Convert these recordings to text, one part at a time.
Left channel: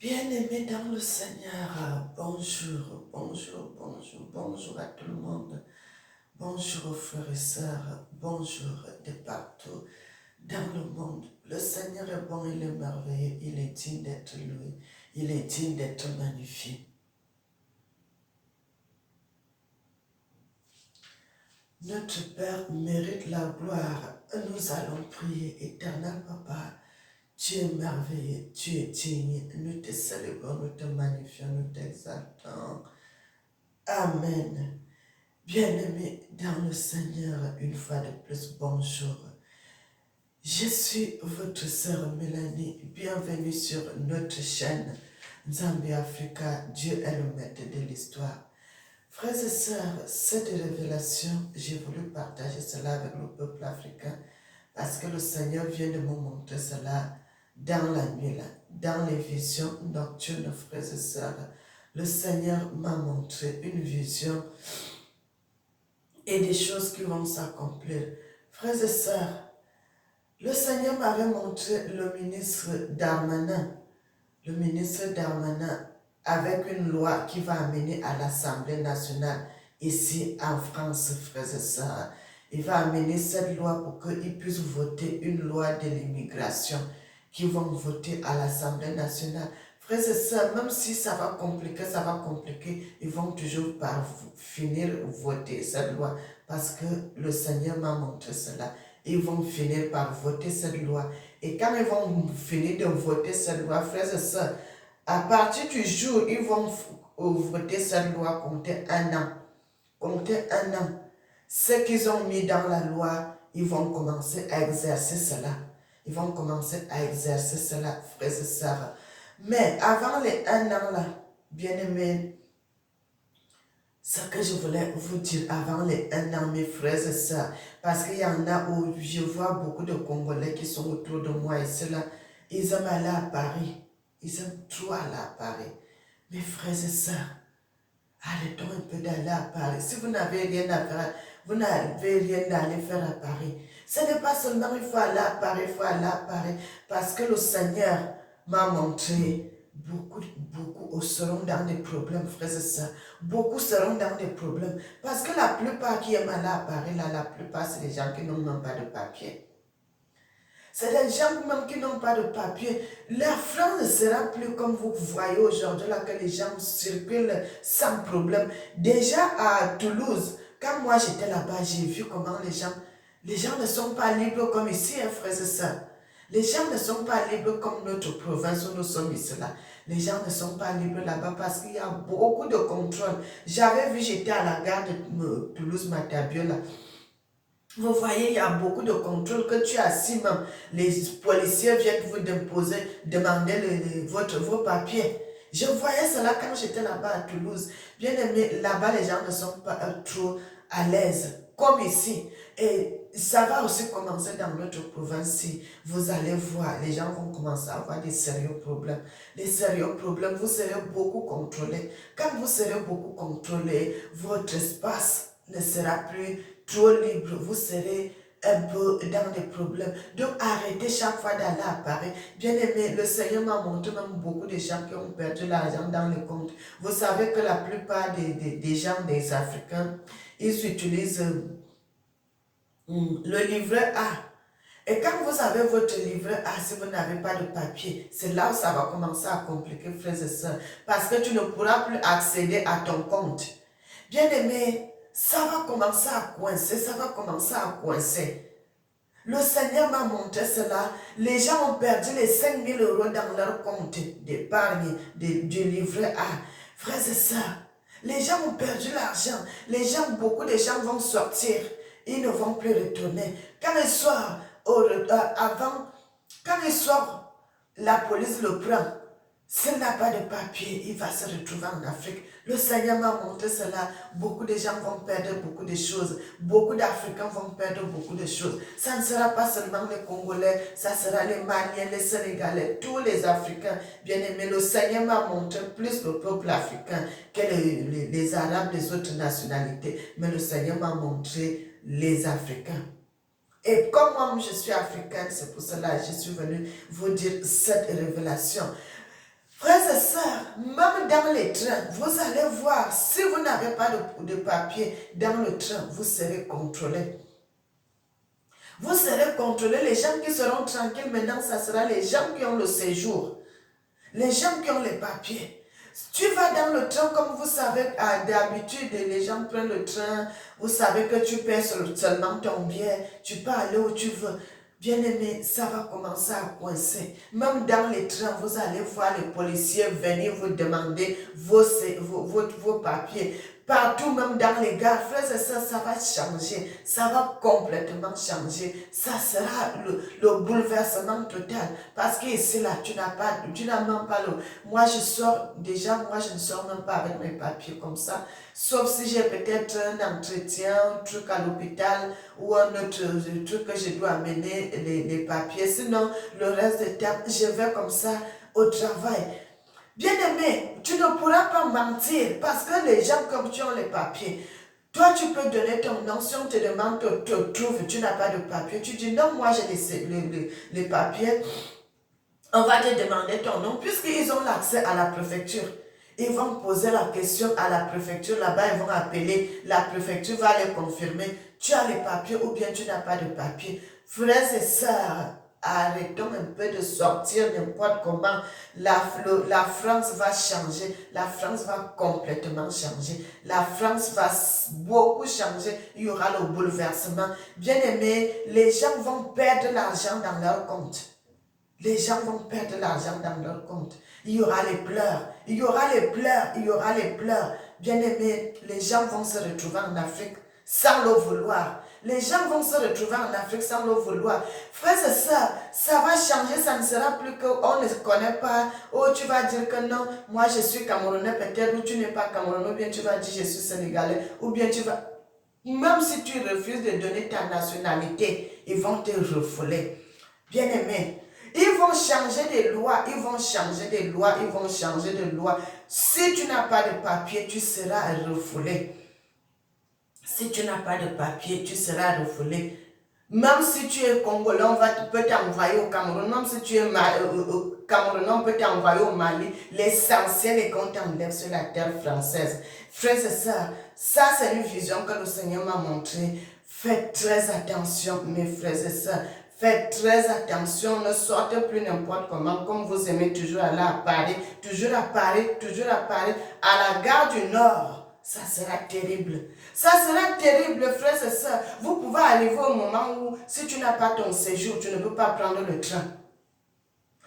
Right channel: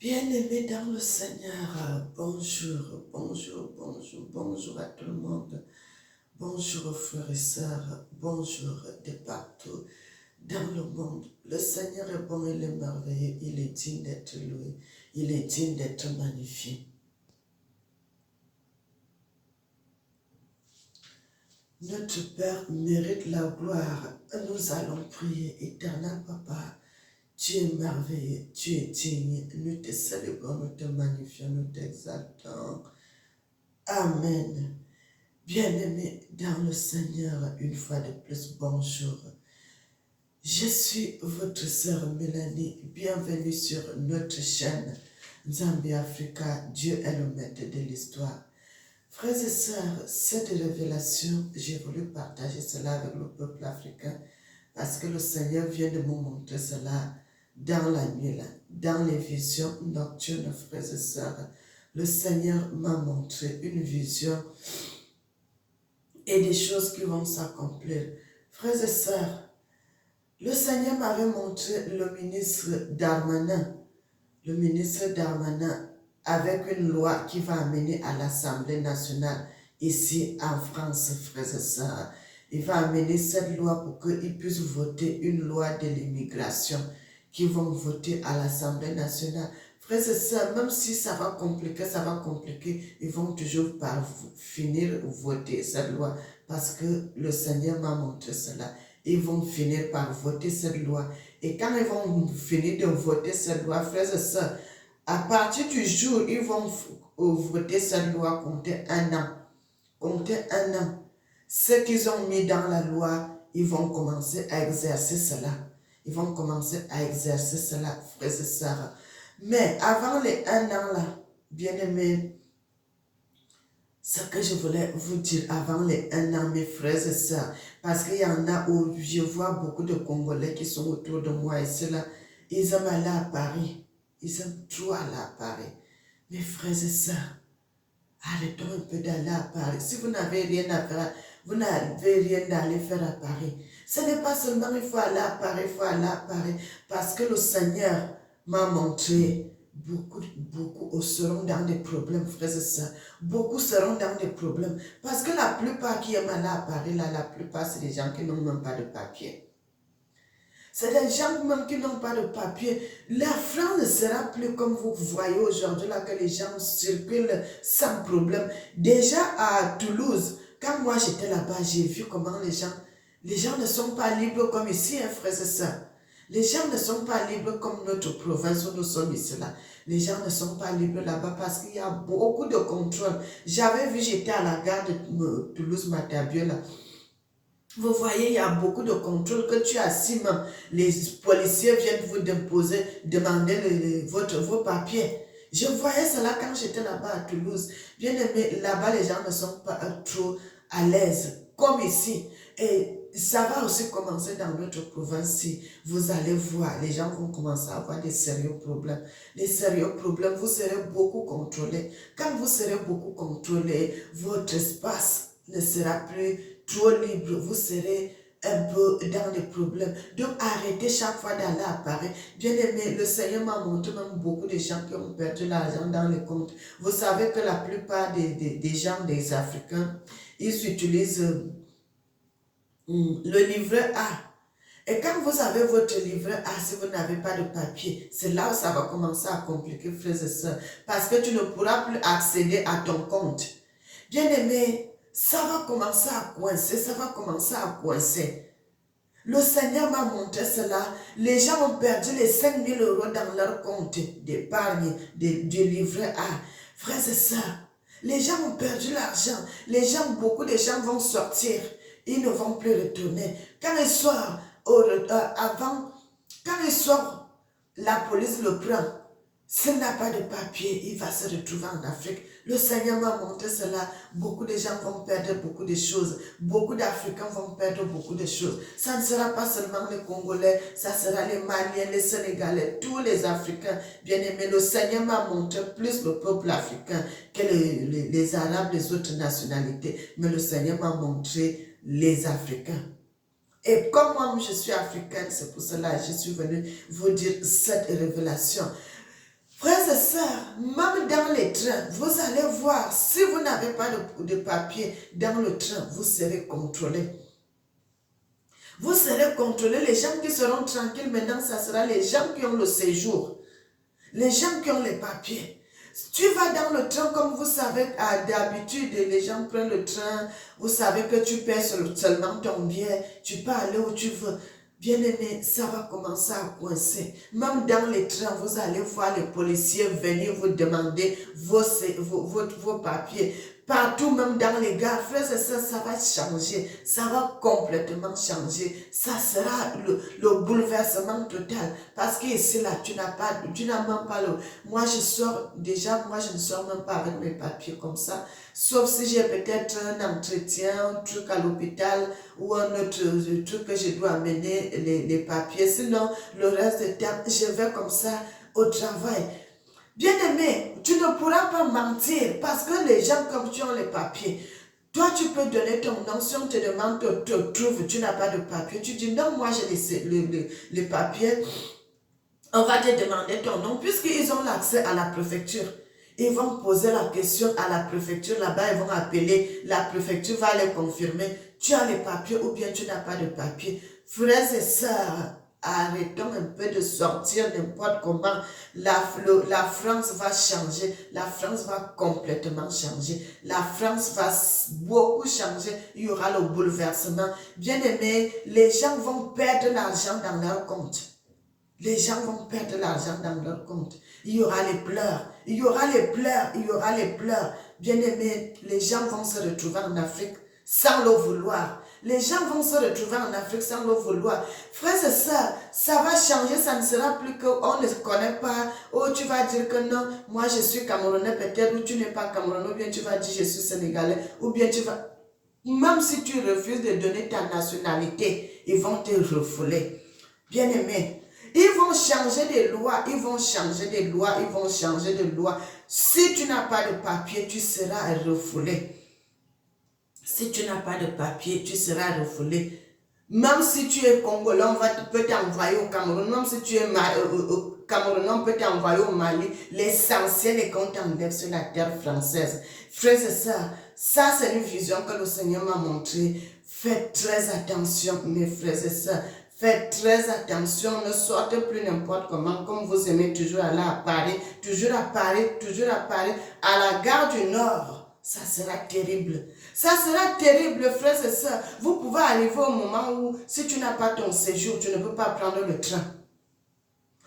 Bien-aimés dans le Seigneur, bonjour, bonjour, bonjour, bonjour à tout le monde. Bonjour aux frères et sœurs, bonjour de partout dans le monde. Le Seigneur est bon, il est merveilleux, il est digne d'être loué, il est digne d'être magnifié. Notre Père mérite la gloire. Nous allons prier, éternel Papa. Tu es merveilleux, tu es digne. Nous te célébrons, nous te magnifions, nous t'exaltons. Amen. Bien-aimés dans le Seigneur, une fois de plus, bonjour. Je suis votre sœur Mélanie. Bienvenue sur notre chaîne Zambie Africa. Dieu est le maître de l'histoire. Frères et sœurs, cette révélation, j'ai voulu partager cela avec le peuple africain parce que le Seigneur vient de me montrer cela dans la nuit, là, dans les visions nocturnes, frères et sœurs. Le Seigneur m'a montré une vision et des choses qui vont s'accomplir. Frères et sœurs, le Seigneur m'avait montré le ministre Darmanin. Le ministre Darmanin avec une loi qui va amener à l'Assemblée nationale ici en France, frères et sœurs. Il va amener cette loi pour qu'ils puissent voter une loi de l'immigration qui vont voter à l'Assemblée nationale. Frères et sœurs, même si ça va compliquer, ils vont toujours par finir voter cette loi parce que le Seigneur m'a montré cela. Ils vont finir par voter cette loi. Et quand ils vont finir de voter cette loi, frères et sœurs, à partir du jour où ils vont voter cette loi, compter un an. Compter un an. Ce qu'ils ont mis dans la loi, ils vont commencer à exercer cela. Ils vont commencer à exercer cela, frères et sœurs. Mais avant les un an là, bien-aimés, ce que je voulais vous dire avant les un an, mes frères et sœurs, parce qu'il y en a où je vois beaucoup de Congolais qui sont autour de moi et cela, ils aiment aller à Paris. Ils aiment trop aller à Paris. Mes frères et sœurs, arrêtons un peu d'aller à Paris. Si vous n'avez rien à faire, vous n'avez rien à aller faire à Paris. Ce n'est pas seulement il faut aller à Paris, il faut aller à Paris, parce que le Seigneur m'a montré beaucoup seront dans des problèmes, frères et sœurs. Beaucoup seront dans des problèmes. Parce que la plupart qui aiment aller à Paris, là, la plupart, c'est des gens qui n'ont même pas de papier. C'est des gens même qui n'ont pas de papier. La France ne sera plus comme vous voyez aujourd'hui, là, que les gens circulent sans problème. Déjà à Toulouse, quand moi j'étais là-bas, j'ai vu comment les gens ne sont pas libres comme ici, hein, frères et sœurs. Les gens ne sont pas libres comme notre province où nous sommes ici, là. Les gens ne sont pas libres là-bas parce qu'il y a beaucoup de contrôle. J'avais vu, j'étais à la gare de Toulouse-Matabio, là. Vous voyez, il y a beaucoup de contrôle que tu as si même les policiers viennent vous demander vos papiers. Je voyais cela quand j'étais là-bas à Toulouse. Bien aimé, là-bas, les gens ne sont pas trop à l'aise, comme ici. Et ça va aussi commencer dans notre province. Si vous allez voir, les gens vont commencer à avoir des sérieux problèmes. Des sérieux problèmes, vous serez beaucoup contrôlés. Quand vous serez beaucoup contrôlés, votre espace ne sera plus trop libre, vous serez un peu dans des problèmes. Donc arrêtez chaque fois d'aller à Paris. Bien aimé, le Seigneur m'a montré même beaucoup de gens qui ont perdu l'argent dans les comptes. Vous savez que la plupart des gens, des Africains, ils utilisent le livret A. Et quand vous avez votre livret A, si vous n'avez pas de papier, c'est là où ça va commencer à compliquer, frères et sœurs. Parce que tu ne pourras plus accéder à ton compte. Bien aimé, ça va commencer à coincer, ça va commencer à coincer. Le Seigneur m'a montré cela. Les gens ont perdu les 5 000 € dans leur compte d'épargne, du livret A. Frères et sœurs, les gens ont perdu l'argent. Beaucoup de gens vont sortir. Ils ne vont plus retourner. Quand ils sortent, quand ils sortent, la police le prend. S'il n'a pas de papier, il va se retrouver en Afrique. Le Seigneur m'a montré cela. Beaucoup de gens vont perdre beaucoup de choses. Beaucoup d'Africains vont perdre beaucoup de choses. Ça ne sera pas seulement les Congolais, ça sera les Maliens, les Sénégalais, tous les Africains. Bien aimés, le Seigneur m'a montré plus le peuple africain que les Arabes, les autres nationalités. Mais le Seigneur m'a montré les Africains. Et comme moi, je suis africaine, c'est pour cela que je suis venue vous dire cette révélation. Frères et sœurs, même dans les trains, vous allez voir, si vous n'avez pas de papier dans le train, vous serez contrôlé. Vous serez contrôlé. Les gens qui seront tranquilles maintenant, ça sera les gens qui ont le séjour. Les gens qui ont les papiers. Tu vas dans le train, comme vous savez, d'habitude, les gens prennent le train, vous savez que tu paies seulement ton billet, tu peux aller où tu veux. Bien aimé, ça va commencer à coincer. Même dans les trains, vous allez voir les policiers venir vous demander vos papiers. Partout, même dans les gares, frères et sœurs, ça va changer. Ça va complètement changer. Ça sera le bouleversement total. Parce qu'ici, là, tu n'as même pas le... Moi, je ne sors même pas avec mes papiers comme ça. Sauf si j'ai peut-être un entretien, un truc à l'hôpital ou un autre truc que je dois amener les papiers. Sinon, le reste du temps, je vais comme ça au travail. Bien-aimé, tu ne pourras pas mentir parce que les gens, comme tu as les papiers, toi, tu peux donner ton nom. Si on te demande, te trouve, tu n'as pas de papier. Tu dis non, moi j'ai les papiers. On va te demander ton nom puisqu'ils ont l'accès à la préfecture. Ils vont poser la question à la préfecture. Là-bas, ils vont appeler. La préfecture va les confirmer. Tu as les papiers ou bien tu n'as pas de papiers. Frères et sœurs, arrêtons un peu de sortir n'importe comment. La France va changer. La France va complètement changer. La France va beaucoup changer. Il y aura le bouleversement. Bien aimé, les gens vont perdre l'argent dans leur compte. Les gens vont perdre l'argent dans leur compte. Il y aura les pleurs. Il y aura les pleurs. Il y aura les pleurs. Bien aimé, les gens vont se retrouver en Afrique sans le vouloir. Les gens vont se retrouver en Afrique sans le vouloir. Frères et sœurs, ça va changer. Ça ne sera plus qu'on ne se connaît pas. Oh, tu vas dire que non, moi je suis Camerounais peut-être, ou tu n'es pas Camerounais, ou bien tu vas dire je suis Sénégalais, ou bien tu vas... Même si tu refuses de donner ta nationalité, ils vont te refouler. Bien aimé, ils vont changer des lois, ils vont changer des lois, ils vont changer de lois. Si tu n'as pas de papier, tu seras refoulé. Si tu n'as pas de papier, tu seras refoulé. Même si tu es Congolais, peut t'envoyer au Cameroun. Même si tu es Camerounais, on peut t'envoyer au Mali. L'essentiel est qu'on t'enlève sur la terre française. Frères et sœurs, ça c'est une vision que le Seigneur m'a montrée. Faites très attention, mes frères et sœurs. Faites très attention, ne sortez plus n'importe comment, comme vous aimez toujours aller à Paris, toujours à Paris, toujours à Paris, à la gare du Nord. Ça sera terrible. Ça sera terrible, frères et sœurs. Vous pouvez arriver au moment où, si tu n'as pas ton séjour, tu ne peux pas prendre le train.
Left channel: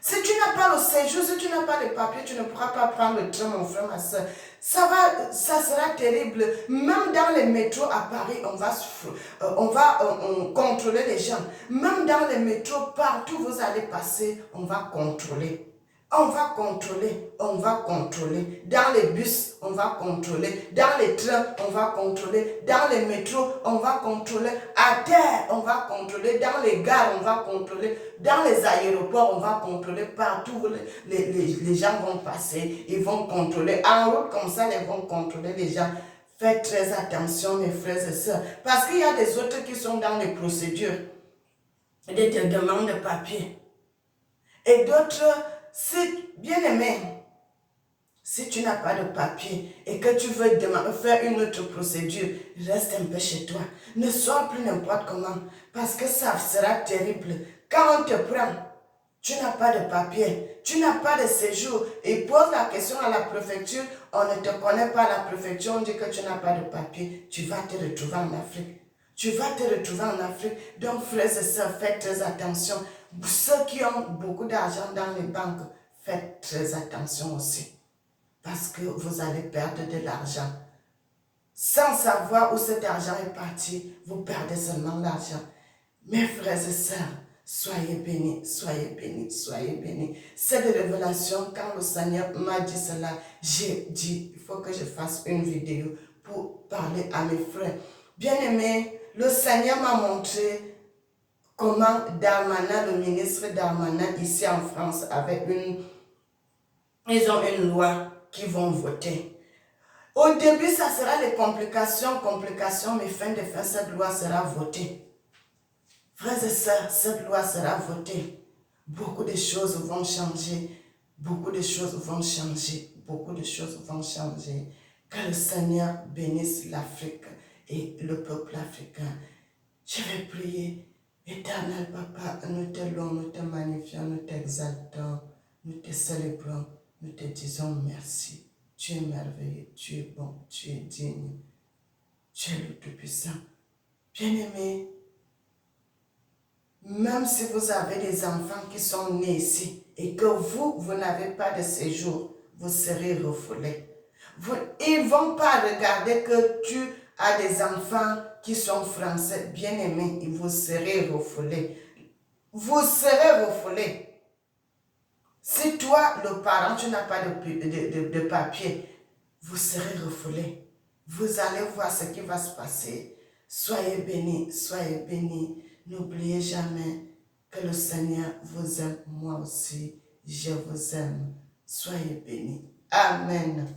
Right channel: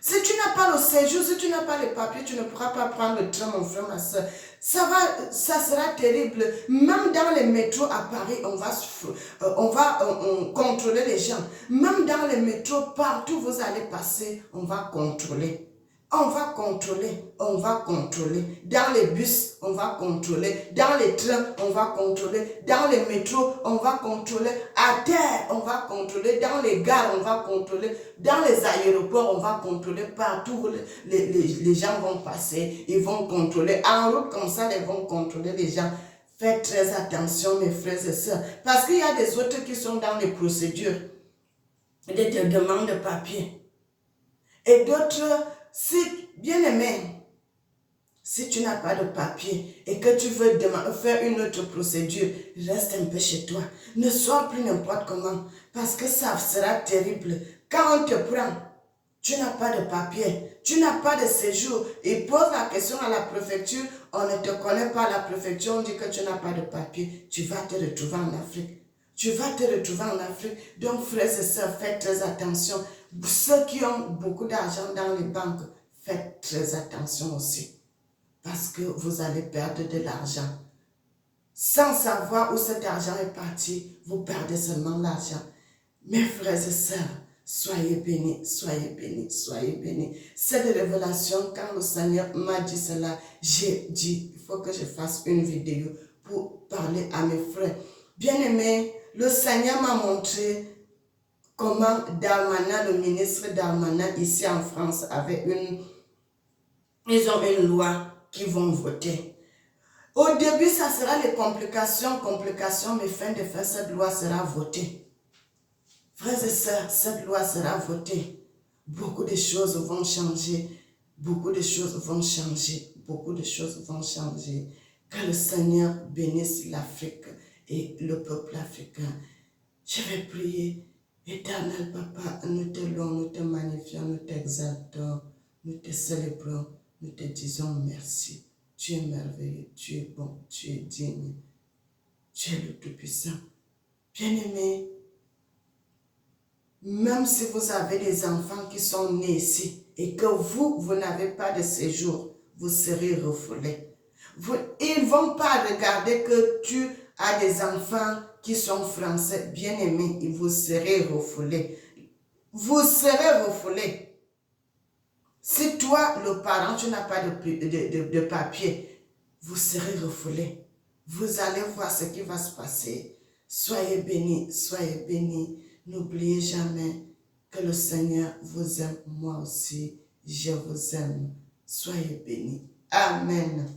Si tu n'as pas le séjour, si tu n'as pas les papiers, tu ne pourras pas prendre le train, mon frère, ma soeur. Ça sera terrible. Même dans les métros à Paris, on va contrôler les gens. Même dans les métros, partout où vous allez passer, on va contrôler. On va contrôler, on va contrôler. Dans les bus, on va contrôler. Dans les trains, on va contrôler. Dans les métros, on va contrôler. À terre, on va contrôler. Dans les gares, on va contrôler. Dans les aéroports, on va contrôler. Partout où les gens vont passer, ils vont contrôler. En route, comme ça, ils vont contrôler les gens. Faites très attention, mes frères et sœurs. Parce qu'il y a des autres qui sont dans les procédures de demande de papier. Et d'autres... Si, bien aimé, si tu n'as pas de papier et que tu veux faire une autre procédure, reste un peu chez toi. Ne sors plus n'importe comment parce que ça sera terrible. Quand on te prend, tu n'as pas de papier, tu n'as pas de séjour et pose la question à la préfecture, on ne te connaît pas à la préfecture, on dit que tu n'as pas de papier, tu vas te retrouver en Afrique. Tu vas te retrouver en Afrique. Donc, frères et sœurs, faites très attention. Ceux qui ont beaucoup d'argent dans les banques, faites très attention aussi. Parce que vous allez perdre de l'argent. Sans savoir où cet argent est parti, vous perdez seulement l'argent. Mes frères et sœurs, soyez bénis, soyez bénis, soyez bénis. Cette révélation, quand le Seigneur m'a dit cela, j'ai dit, il faut que je fasse une vidéo pour parler à mes frères. Bien-aimés, le Seigneur m'a montré comment Darmanin, le ministre Darmanin, ici en France, ils ont une loi qu'ils vont voter. Au début, ça sera les complications, mais fin de fin, cette loi sera votée. Frères et sœurs, cette loi sera votée. Beaucoup de choses vont changer. Beaucoup de choses vont changer. Beaucoup de choses vont changer. Que le Seigneur bénisse l'Afrique et le peuple africain. Je vais prier. Éternel Papa, nous te louons, nous te magnifions, nous t'exaltons, nous te célébrons, nous te disons merci. Tu es merveilleux, tu es bon, tu es digne, tu es le Tout-Puissant. Bien-aimés, même si vous avez des enfants qui sont nés ici et que vous n'avez pas de séjour, vous serez refoulés. Ils ne vont pas regarder que tu as des enfants qui sont français, bien-aimés, et vous serez refoulés. Vous serez refoulés. Si toi, le parent, tu n'as pas de papier, vous serez refoulés. Vous allez voir ce qui va se passer. Soyez bénis, soyez bénis. N'oubliez jamais que le Seigneur vous aime, moi aussi, je vous aime. Soyez bénis. Amen.